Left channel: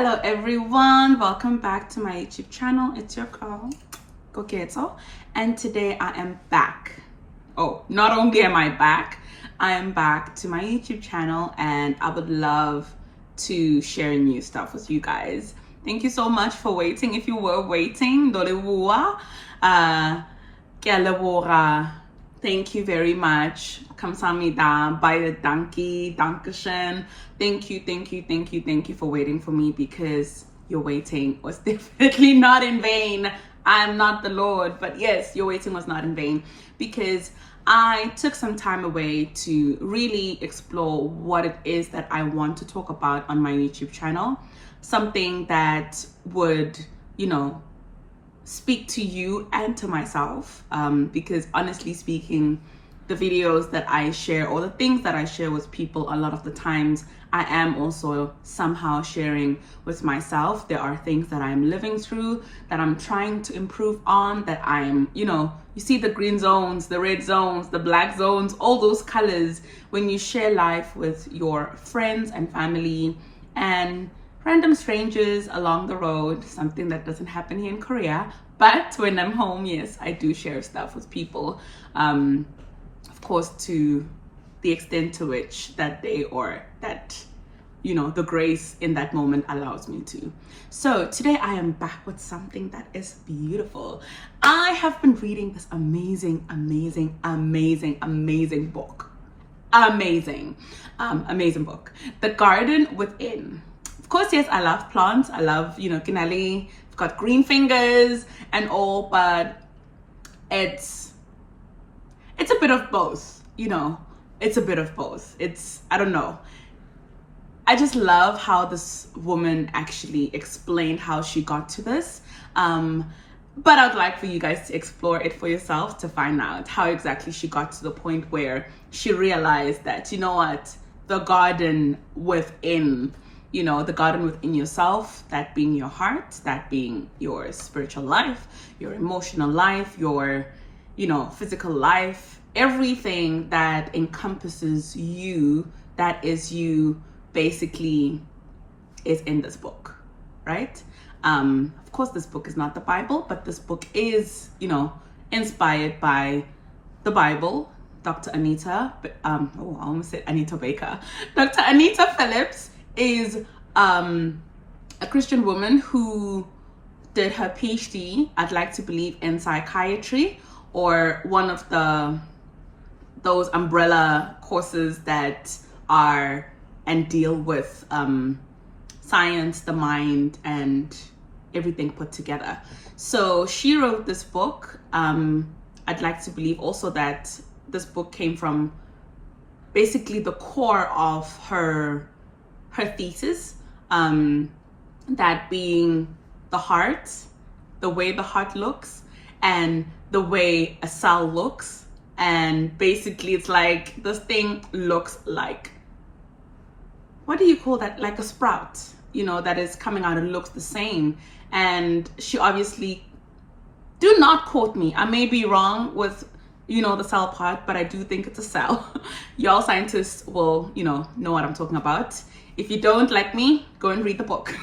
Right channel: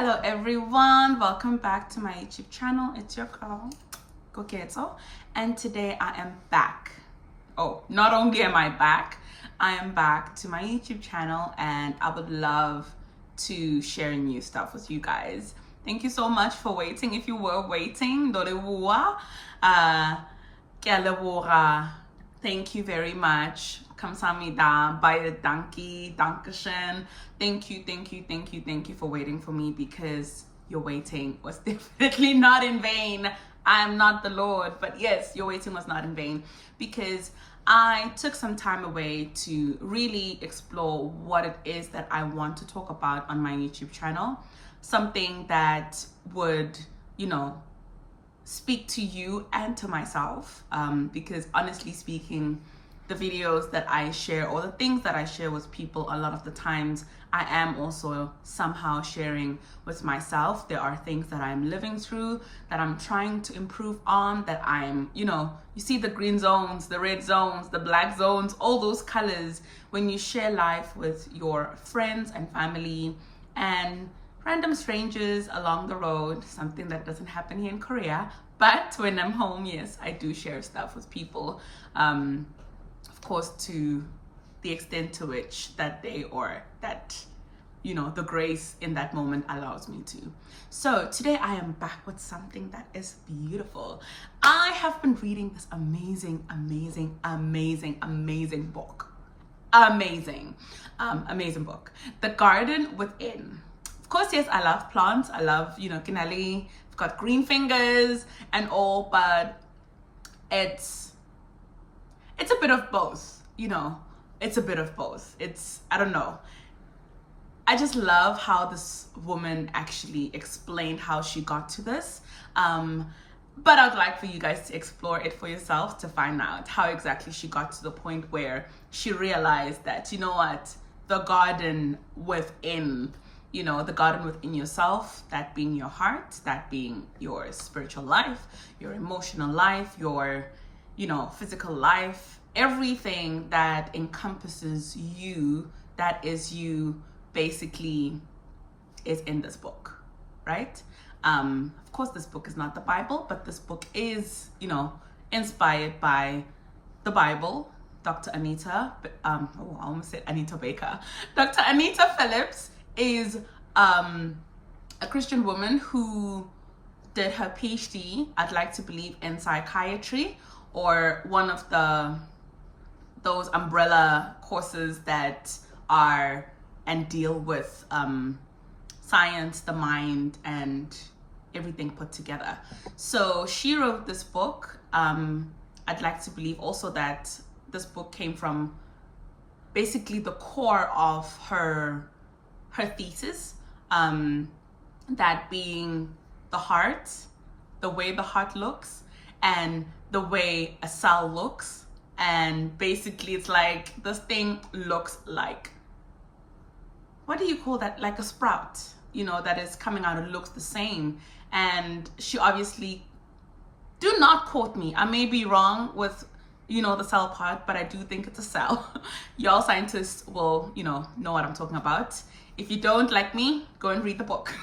Hello everyone, welcome back to my YouTube channel. It's your girl Koketo, and today I am back. Oh, not only am I back, I am back to my YouTube channel, and I would love to share new stuff with you guys. Thank you so much for waiting. If you were waiting, thank you very much. Kamsahamnida, baie dankie, dankeschön. Thank you for waiting for me, because your waiting was definitely not in vain. I am not the Lord, but yes, your waiting was not in vain, because I took some time away to really explore what it is that I want to talk about on my YouTube channel. Something that would, speak to you and to myself, because honestly speaking, the videos that I share or the things that I share with people, a lot of the times I am also somehow sharing with myself. There are things that I'm living through, that I'm trying to improve on, that I'm, you see the green zones, the red zones, the black zones, all those colors when you share life with your friends and family and random strangers along the road. Something that doesn't happen here in Korea, but when I'm home, yes, I do share stuff with people, of course, to the extent to which that day or that, the grace in that moment allows me to. So today I am back with something that is beautiful. I have been reading this amazing book. Amazing book, The Garden Within. Of course, yes, I love plants. I love, kinali. I've got green fingers and all, but it's a bit of both, It's a bit of both. I don't know. I just love how this woman actually explained how she got to this. But I'd like for you guys to explore it for yourself to find out how exactly she got to the point where she realized that, the garden within, the garden within yourself, that being your heart, that being your spiritual life, your emotional life, your, physical life, everything that encompasses you, that is you, basically is in this book, right? Of course, this book is not the Bible, but this book is, inspired by the Bible. Dr. Anita, I almost said Anita Baker. Dr. Anita Phillips is a Christian woman who did her PhD, I'd like to believe, in psychiatry, or one of those umbrella courses that are and deal with science, the mind, and everything put together. So she wrote this book. I'd like to believe also that this book came from basically the core of her thesis, that being the heart, the way the heart looks, and the way a cell looks. And basically it's like this thing looks like, what do you call that? Like a sprout, that is coming out and looks the same. And she obviously, do not quote me, I may be wrong with, the cell part, but I do think it's a cell. Y'all scientists will, know what I'm talking about. If you don't like me, go and read the book.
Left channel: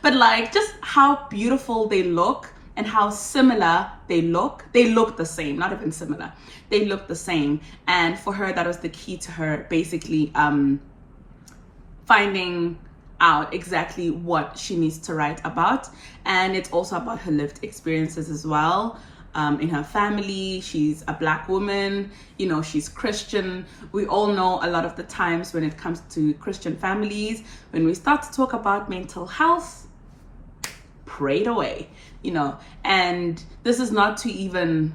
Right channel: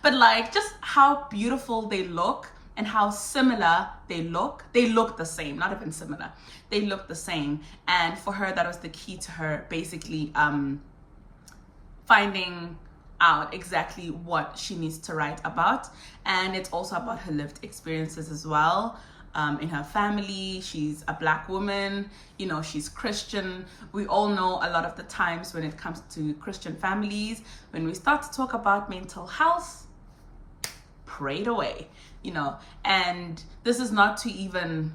But just how beautiful they look and how similar they look. They look the same, not even similar. They look the same. And for her, that was the key to her basically finding out exactly what she needs to write about. And it's also about her lived experiences as well. In her family, she's a Black woman, she's Christian. We all know a lot of the times when it comes to Christian families, when we start to talk about mental health, prayed away, and this is not to even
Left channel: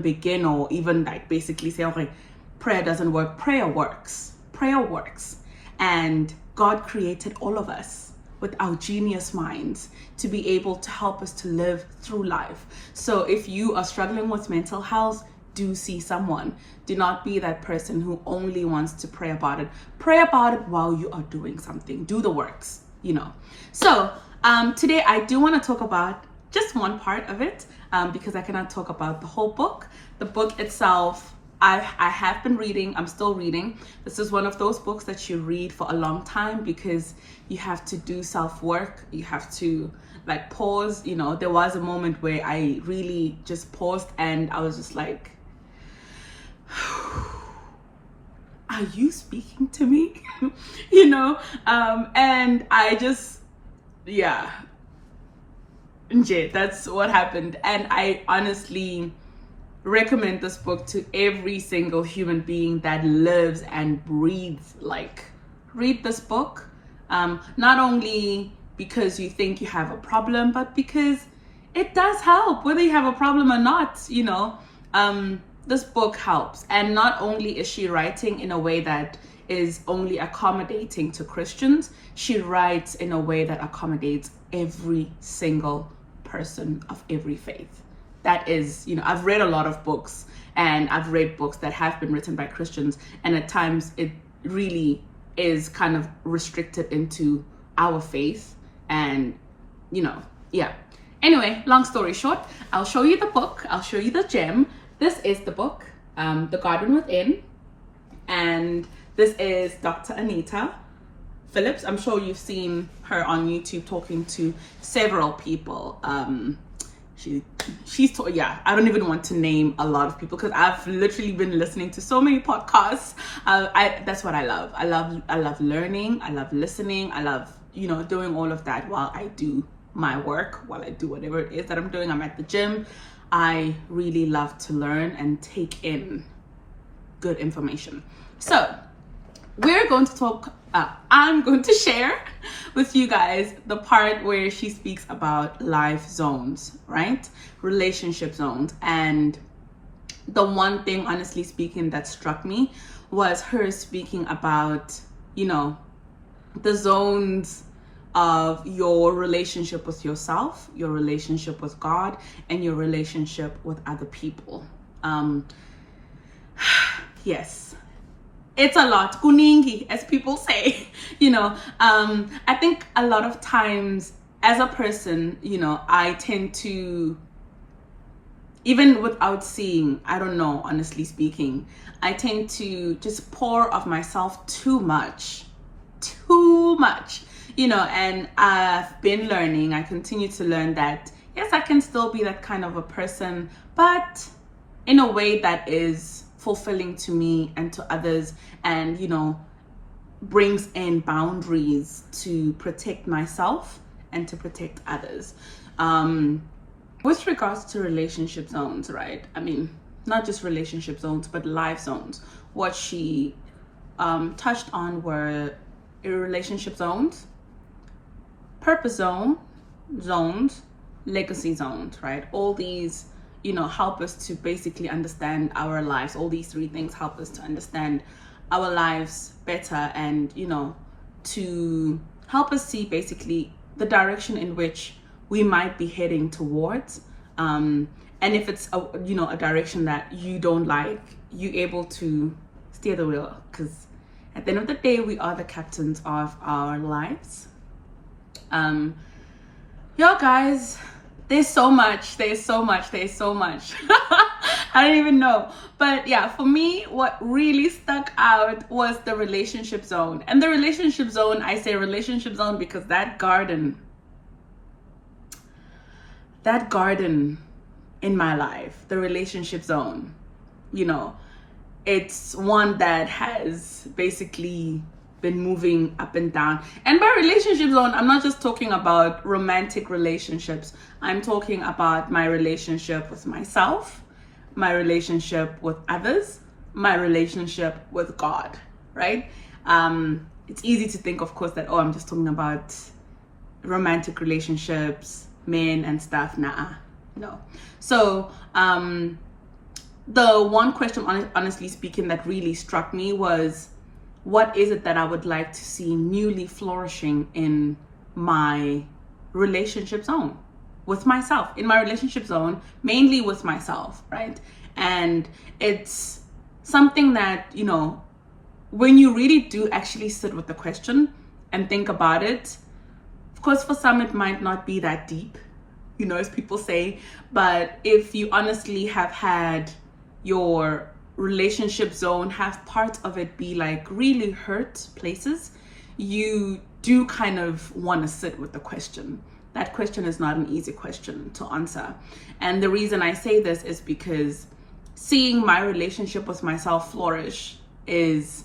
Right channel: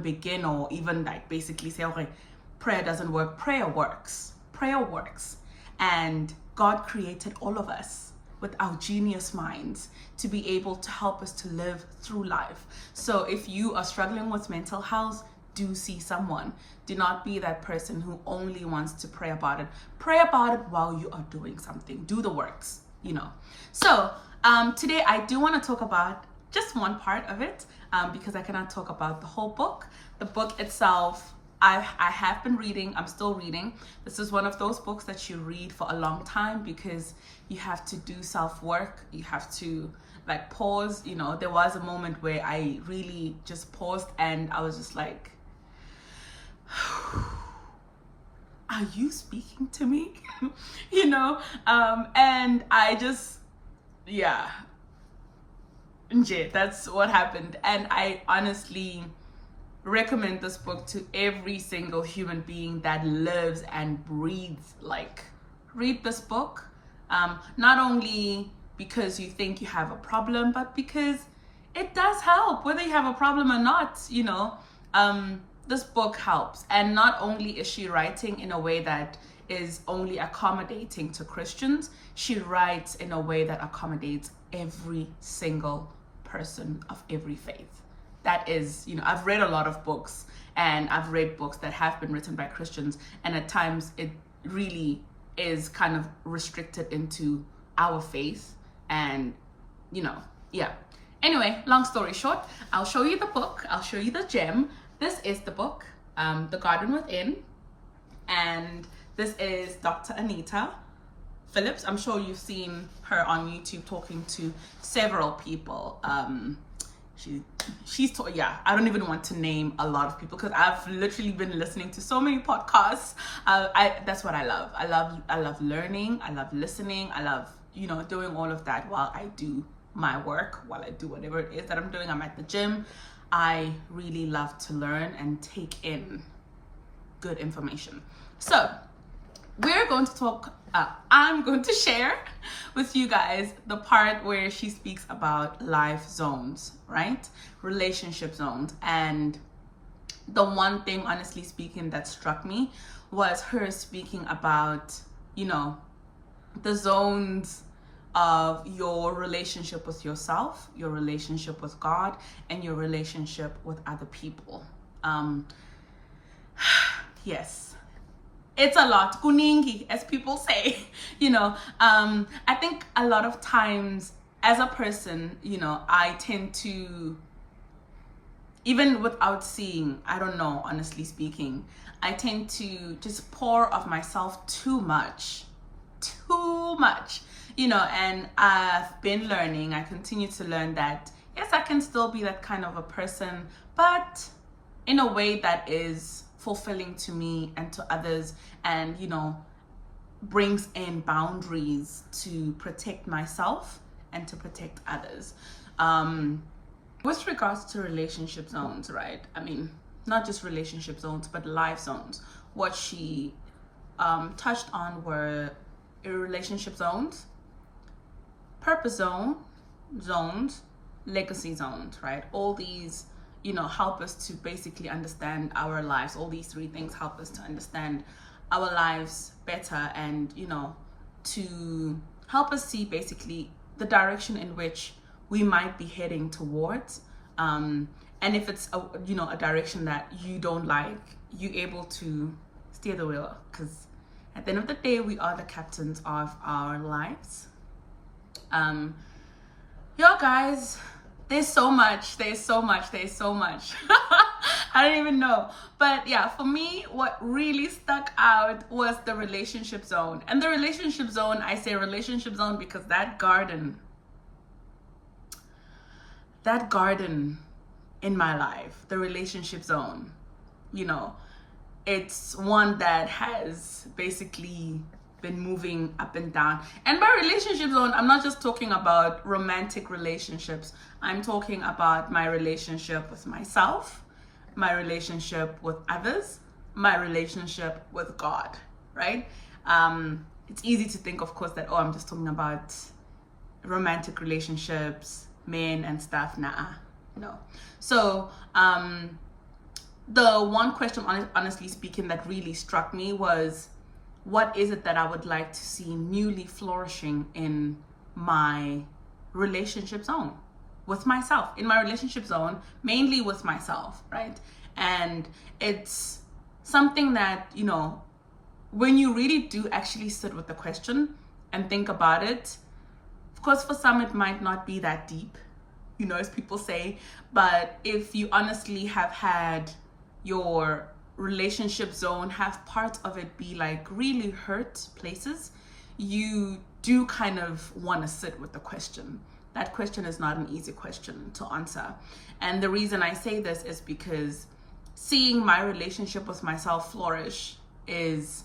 begin or even basically say, okay, prayer doesn't work. Prayer works. And God created all of us with our genius minds to be able to help us to live through life. So if you are struggling with mental health, do see someone. Do not be that person who only wants to pray about it. Pray about it while you are doing something. Do the works, So today I do want to talk about just one part of it, because I cannot talk about the whole book. The book itself I have been reading. I'm still reading. This is one of those books that you read for a long time because you have to do self-work. You have to like pause. You know, there was a moment where I really just paused and I was just like, are you speaking to me? You know, and I just, yeah, that's what happened. And I honestly recommend this book to every single human being that lives and breathes like read this book, not only because you think you have a problem, but because it does help whether you have a problem or not. You know, this book helps. And not only is she writing in a way that is only accommodating to Christians, she writes in a way that accommodates every single person of every faith. That is, you know, I've read a lot of books, and I've read books that have been written by Christians, and at times it really is kind of restricted into our faith. And, you know, yeah. Anyway, long story short, I'll show you the book. I'll show you the gem. This is the book, The Garden Within. And this is Dr. Anita Phillips. I'm sure you've seen her on YouTube talking to several people. Yeah, I don't even want to name a lot of people because I've literally been listening to so many podcasts. That's what I love. I love learning. I love listening. I love, you know, doing all of that while I do my work, while I do whatever it is that I'm doing. I'm at the gym. I really love to learn and take in good information. So we're going to talk, I'm going to share with you guys the part where she speaks about life zones, right? Relationship zones. And the one thing, honestly speaking, that struck me was her speaking about, you know, the zones of your relationship with yourself, your relationship with God, and your relationship with other people. Yes. It's a lot, kuningi, as people say. You know, I think a lot of times as a person, you know, I tend to, even without seeing, I don't know, honestly speaking, I tend to just pour of myself too much, you know. And I've been learning, I continue to learn that, yes, I can still be that kind of a person, but in a way that is fulfilling to me and to others, and, you know, brings in boundaries to protect myself and to protect others. With regards to relationship zones, right? I mean, not just relationship zones, but life zones. What she touched on were relationship zones, purpose zones, legacy zones, right? All these, you know, help us to basically understand our lives. All these three things help us to understand our lives better, and, you know, to help us see basically the direction in which we might be heading towards. And if it's a direction that you don't like, you're able to steer the wheel, because at the end of the day, we are the captains of our lives. Yo guys, there's so much. I don't even know. But yeah, for me, what really stuck out was the relationship zone. And the relationship zone, I say relationship zone because that garden in my life, the relationship zone, you know, it's one that has basically been moving up and down. And by relationship zone, I'm not just talking about romantic relationships. I'm talking about my relationship with myself, my relationship with others, my relationship with God, right? It's easy to think, of course, that, oh, I'm just talking about romantic relationships, men and stuff. Nah, no. So the one question, honestly speaking, that really struck me was, what is it that I would like to see newly flourishing in my relationship zone with myself, in my relationship zone, mainly with myself, right? And it's something that, you know, when you really do actually sit with the question and think about it, of course, for some, it might not be that deep, you know, as people say, but if you honestly have had your relationship zone, have parts of it be like really hurt places, you do kind of want to sit with the question. That question is not an easy question to answer. And the reason I say this is because seeing my relationship with myself flourish is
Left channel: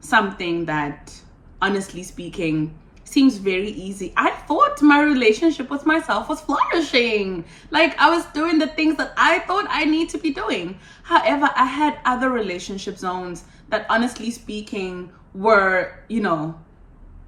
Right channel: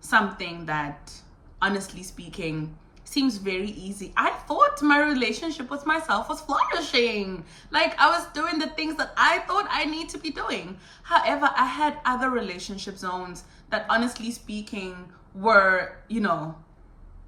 something that, honestly speaking, seems very easy. I thought my relationship with myself was flourishing. Like, I was doing the things that I thought I need to be doing. However, I had other relationship zones that, honestly speaking, were,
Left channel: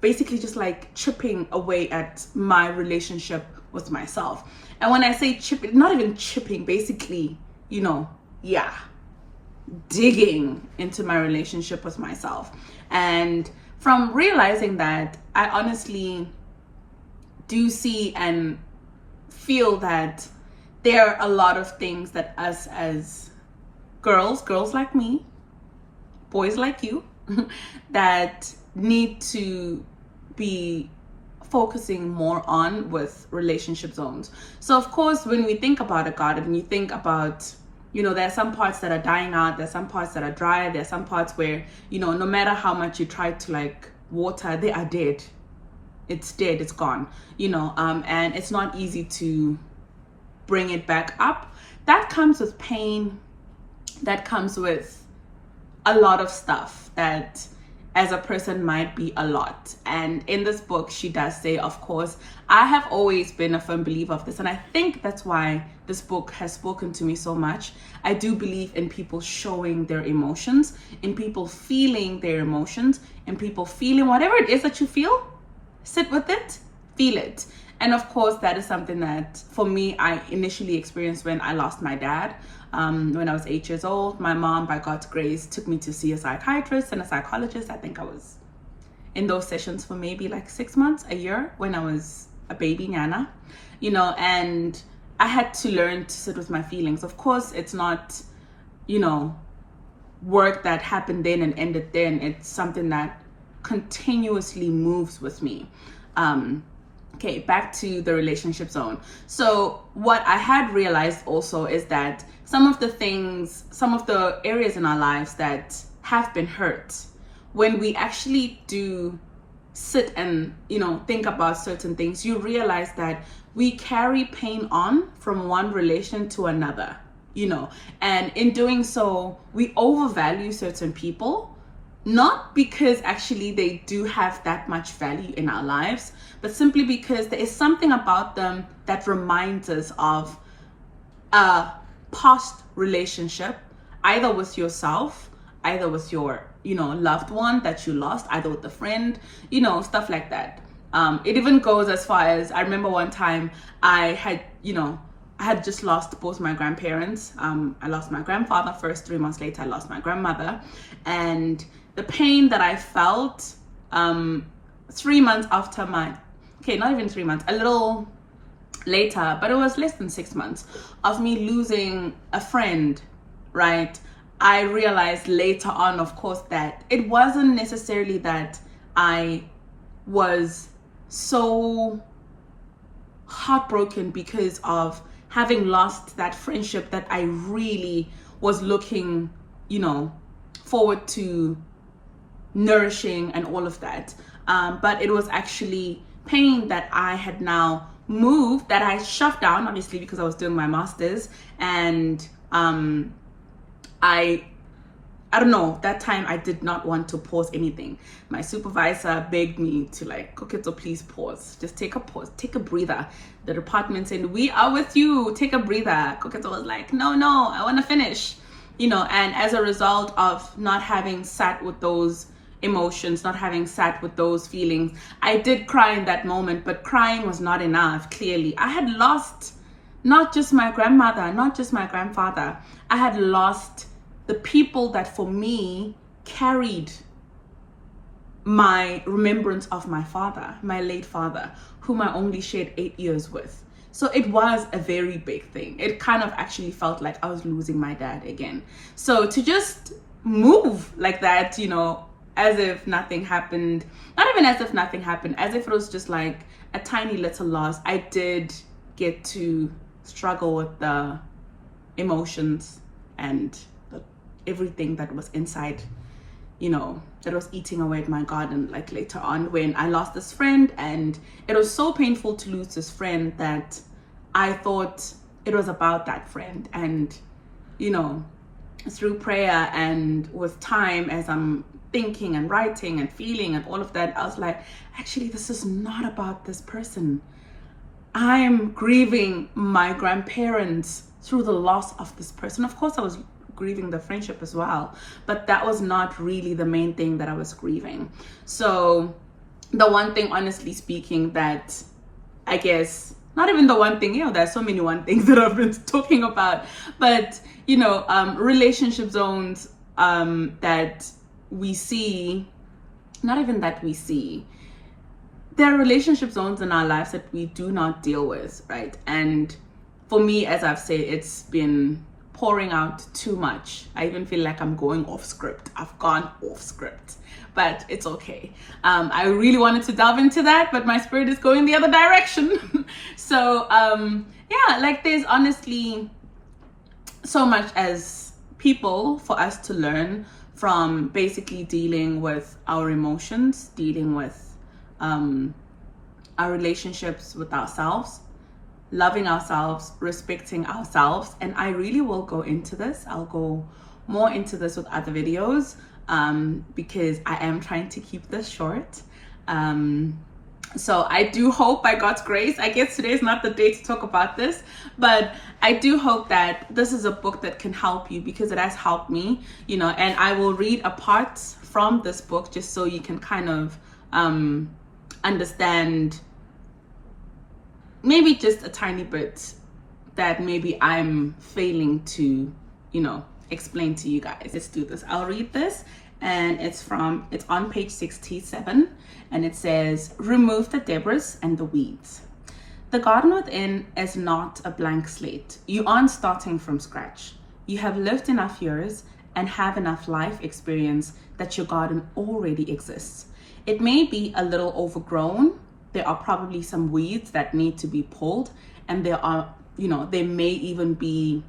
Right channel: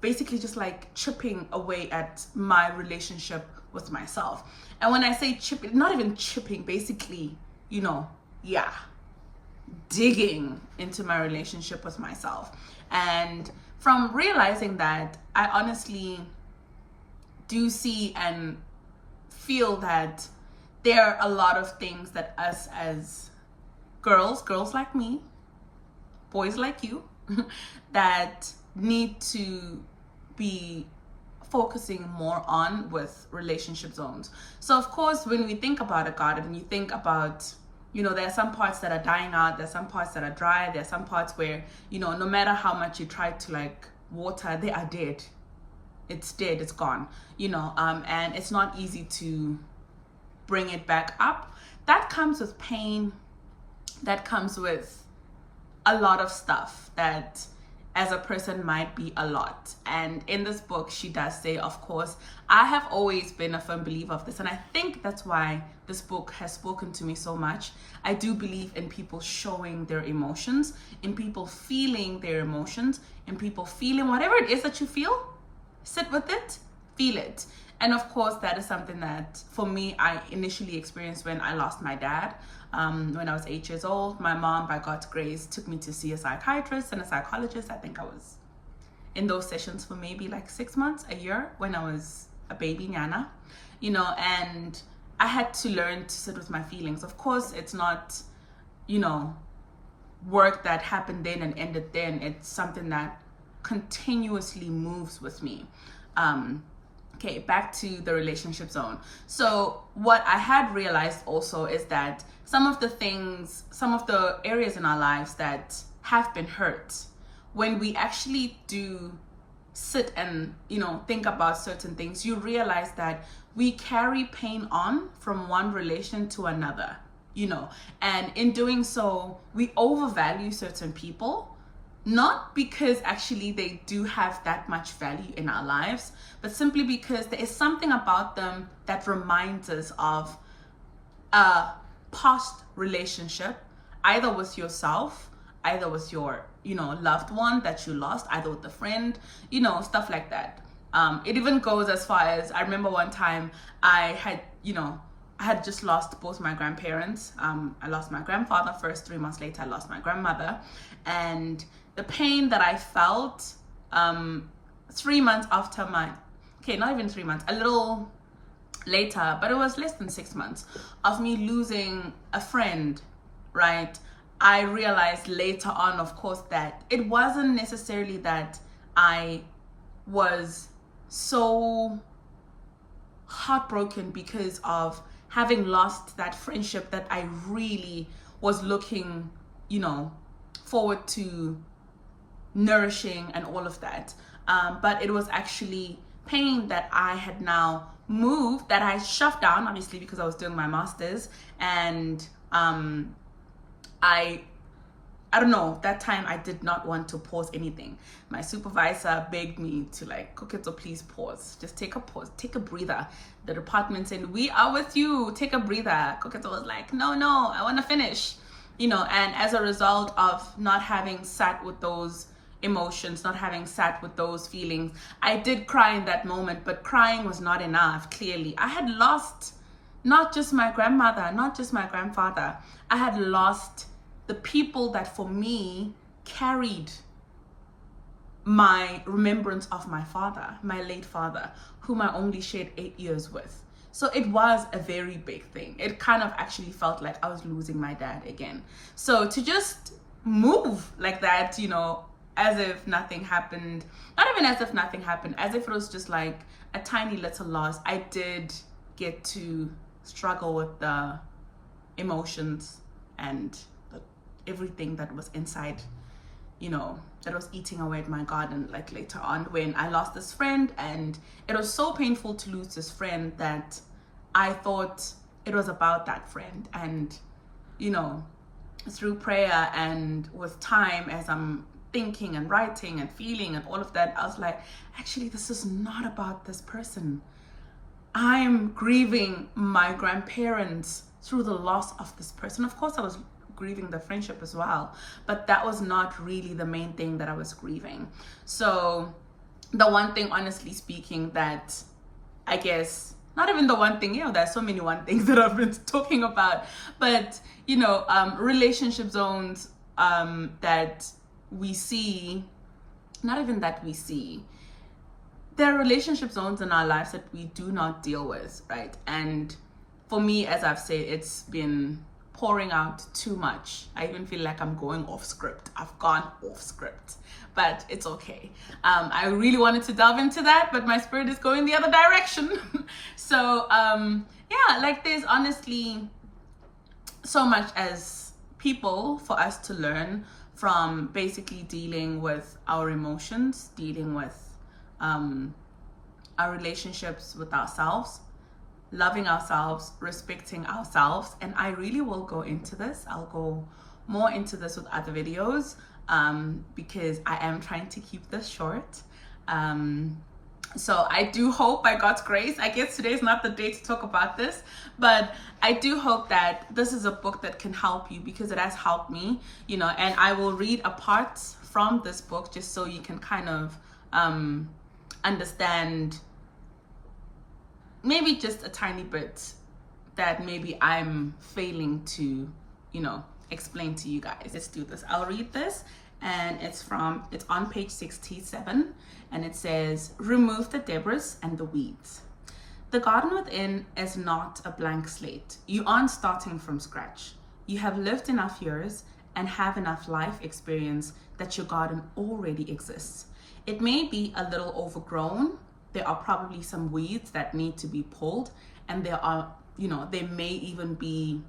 basically just like chipping away at my relationship with myself. And when I say chipping, not even chipping, basically, digging into my relationship with myself. And from realizing that, I honestly do see and feel that there are a lot of things that us as girls like me, boys like you, that need to be focusing more on with relationship zones. So of course, when we think about a garden, you think about, there are some parts that are dying out, there's some parts that are dry, there's some parts where, no matter how much you try to like water, they are dead. It's dead, it's gone, and it's not easy to bring it back up. That comes with pain, that comes with a lot of stuff that as a person might be a lot. And in this book, she does say, of course, I have always been a firm believer of this. And I think that's why this book has spoken to me so much. I do believe in people showing their emotions, in people feeling their emotions, in people feeling whatever it is that you feel, sit with it, feel it. And of course, that is something that for me, I initially experienced when I lost my dad. When I was 8 years old, my mom, by God's grace, took me to see a psychiatrist and a psychologist. I think I was in those sessions for maybe like 6 months, a year, when I was a baby Nana, and I had to learn to sit with my feelings. Of course, it's not, work that happened then and ended then. It's something that continuously moves with me. Okay, back to the relationship zone. So what I had realized also is that some of the areas in our lives that have been hurt, when we actually do sit and, think about certain things, you realize that we carry pain on from one relation to another, and in doing so, we overvalue certain people. Not because actually they do have that much value in our lives, but simply because there is something about them that reminds us of a past relationship, either with yourself, either with your, loved one that you lost, either with a friend, stuff like that. It even goes as far as, I remember one time I had just lost both my grandparents. I lost my grandfather first. 3 months later, I lost my grandmother. And the pain that I felt 3 months after not even 3 months, a little later, but it was less than 6 months of me losing a friend, right? I realized later on, of course, that it wasn't necessarily that I was so heartbroken because of having lost that friendship that I really was looking, forward to nourishing and all of that. But it was actually pain that I had now moved, that I shoved down, obviously, because I was doing my master's. And I don't know, that time I did not want to pause anything. My supervisor begged me to okay, so please pause. Just take a pause, take a breather. The department said, we are with you, take a breather. Koketo was like, no, I want to finish. And as a result of not having sat with those emotions, not having sat with those feelings, I did cry in that moment, but crying was not enough, clearly. I had lost not just my grandmother, not just my grandfather. I had lost the people that for me carried my remembrance of my father, my late father, whom I only shared 8 years with. So it was a very big thing. It kind of actually felt like I was losing my dad again. So to just move like that, as if nothing happened, not even as if nothing happened, as if it was just like a tiny little loss, I did get to struggle with the emotions and the everything that was inside, you know, that was eating away at my garden. Like later on when I lost this friend, and it was so painful to lose this friend that I thought it was about that friend. And, you know, through prayer and with time, as I'm thinking and writing and feeling and all of that, I was like, actually, this is not about this person. I'm grieving my grandparents through the loss of this person. Of course, I was grieving the friendship as well, but that was not really the main thing that I was grieving. So the one thing, honestly speaking, that I guess, not even the one thing, you know, there's so many one things that I've been talking about, but, you know, relationship zones that we see, not even that we see, there are relationship zones in our lives that we do not deal with, right? And for me, as I've said, it's been pouring out too much. I even feel like I'm going off script. I've gone off script, but it's okay. I really wanted to delve into that, but my spirit is going the other direction. So yeah, like there's honestly so much as people for us to learn from basically dealing with our emotions, dealing with our relationships with ourselves, loving ourselves, respecting ourselves. And I really will go into this. I'll go more into this with other videos because I am trying to keep this short. So I do hope, by God's grace, I guess today is not the day to talk about this, but I do hope that this is a book that can help you, because it has helped me, you know. And I will read a part from this book just so you can kind of understand maybe just a tiny bit that maybe I'm failing to, you know, explain to you guys. Let's do this. I'll read this, and it's on page 67, and it says, remove the debris and the weeds. The garden within is not a blank slate. You aren't starting from scratch. You have lived enough years and have enough life experience that your garden already exists. It may be a little overgrown. There are probably some weeds that need to be pulled, and there are, you know, there may even be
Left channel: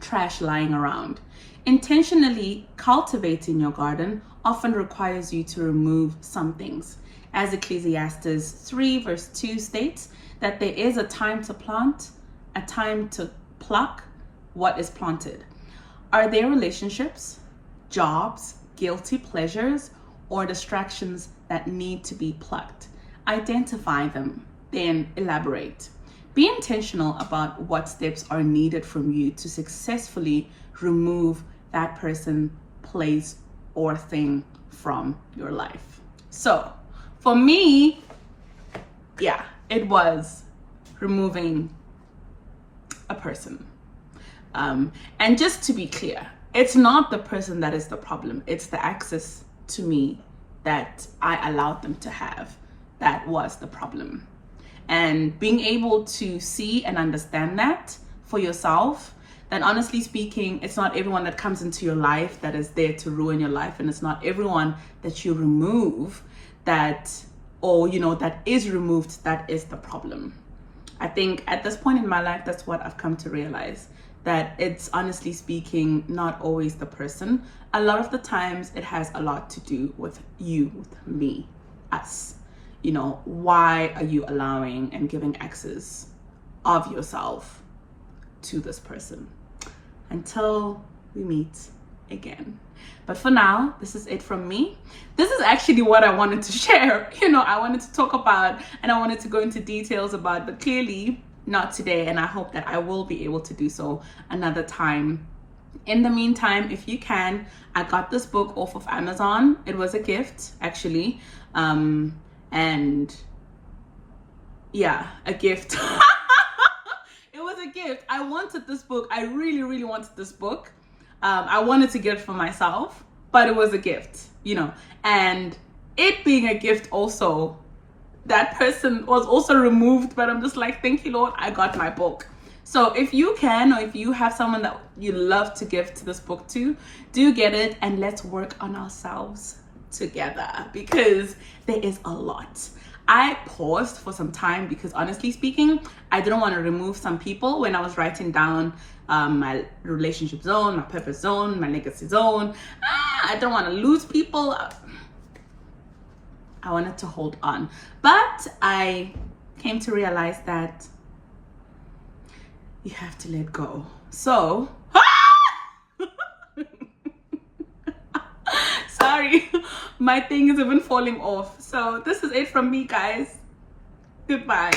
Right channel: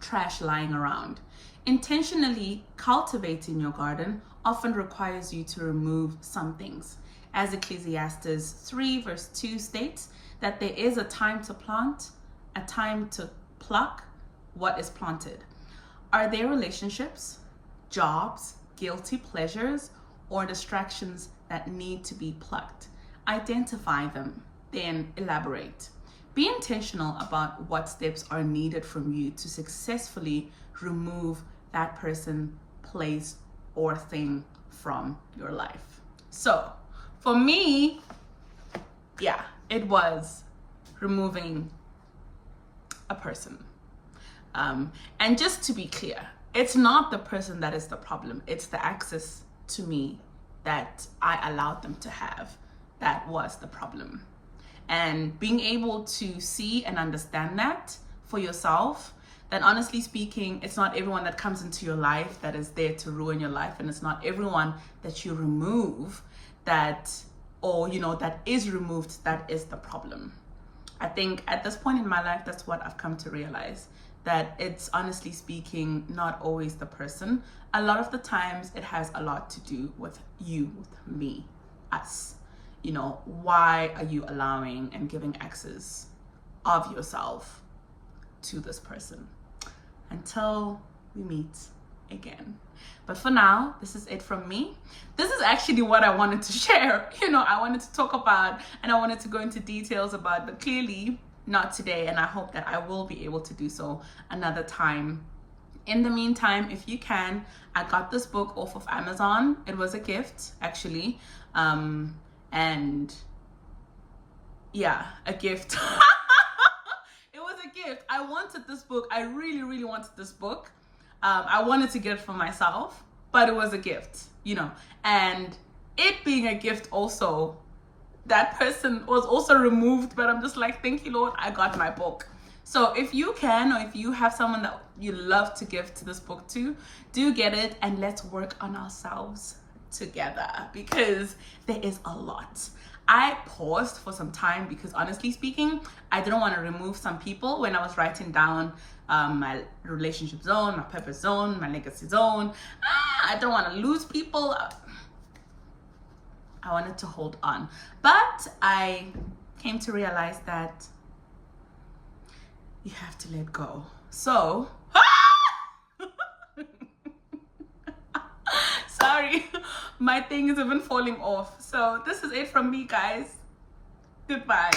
trash lying around. Intentionally cultivating your garden often requires you to remove some things. As Ecclesiastes 3 verse 2 states, that there is a time to plant, a time to pluck what is planted. Are there relationships, jobs, guilty pleasures, or distractions that need to be plucked? Identify them, then elaborate. Be intentional about what steps are needed from you to successfully remove that person, place, or thing from your life. So for me, yeah, it was removing a person. And just to be clear, it's not the person that is the problem. It's the access to me that I allowed them to have that was the problem. And being able to see and understand that for yourself, then honestly speaking, it's not everyone that comes into your life that is there to ruin your life, and it's not everyone that you remove that, or you know, that is removed, that is the problem. I think at this point in my life, that's what I've come to realize, that it's honestly speaking not always the person. A lot of the times it has a lot to do with you, with me, us. You know, why are you allowing and giving access of yourself to this person? Until we meet again. But for now, this is it from me. This is actually what I wanted to share. You know, I wanted to talk about and I wanted to go into details about, but clearly not today. And I hope that I will be able to do so another time. In the meantime, if you can, I got this book off of Amazon. It was a gift, actually. And yeah, a gift. It was a gift. I wanted this book. I really, really wanted this book. I wanted to get it for myself, but it was a gift, you know. And it being a gift also, that person was also removed, but I'm just like, thank you, Lord, I got my book. So if you can, or if you have someone that you love to give to this book to, do get it, and let's work on ourselves together, because there is a lot. I paused for some time because honestly speaking, I didn't want to remove some people when I was writing down my relationship zone, my purpose zone, my legacy zone. I don't want to lose people. I wanted to hold on. But I came to realize that you have to let go. So, sorry, my thing is even falling off. So this is it from me, guys. Goodbye.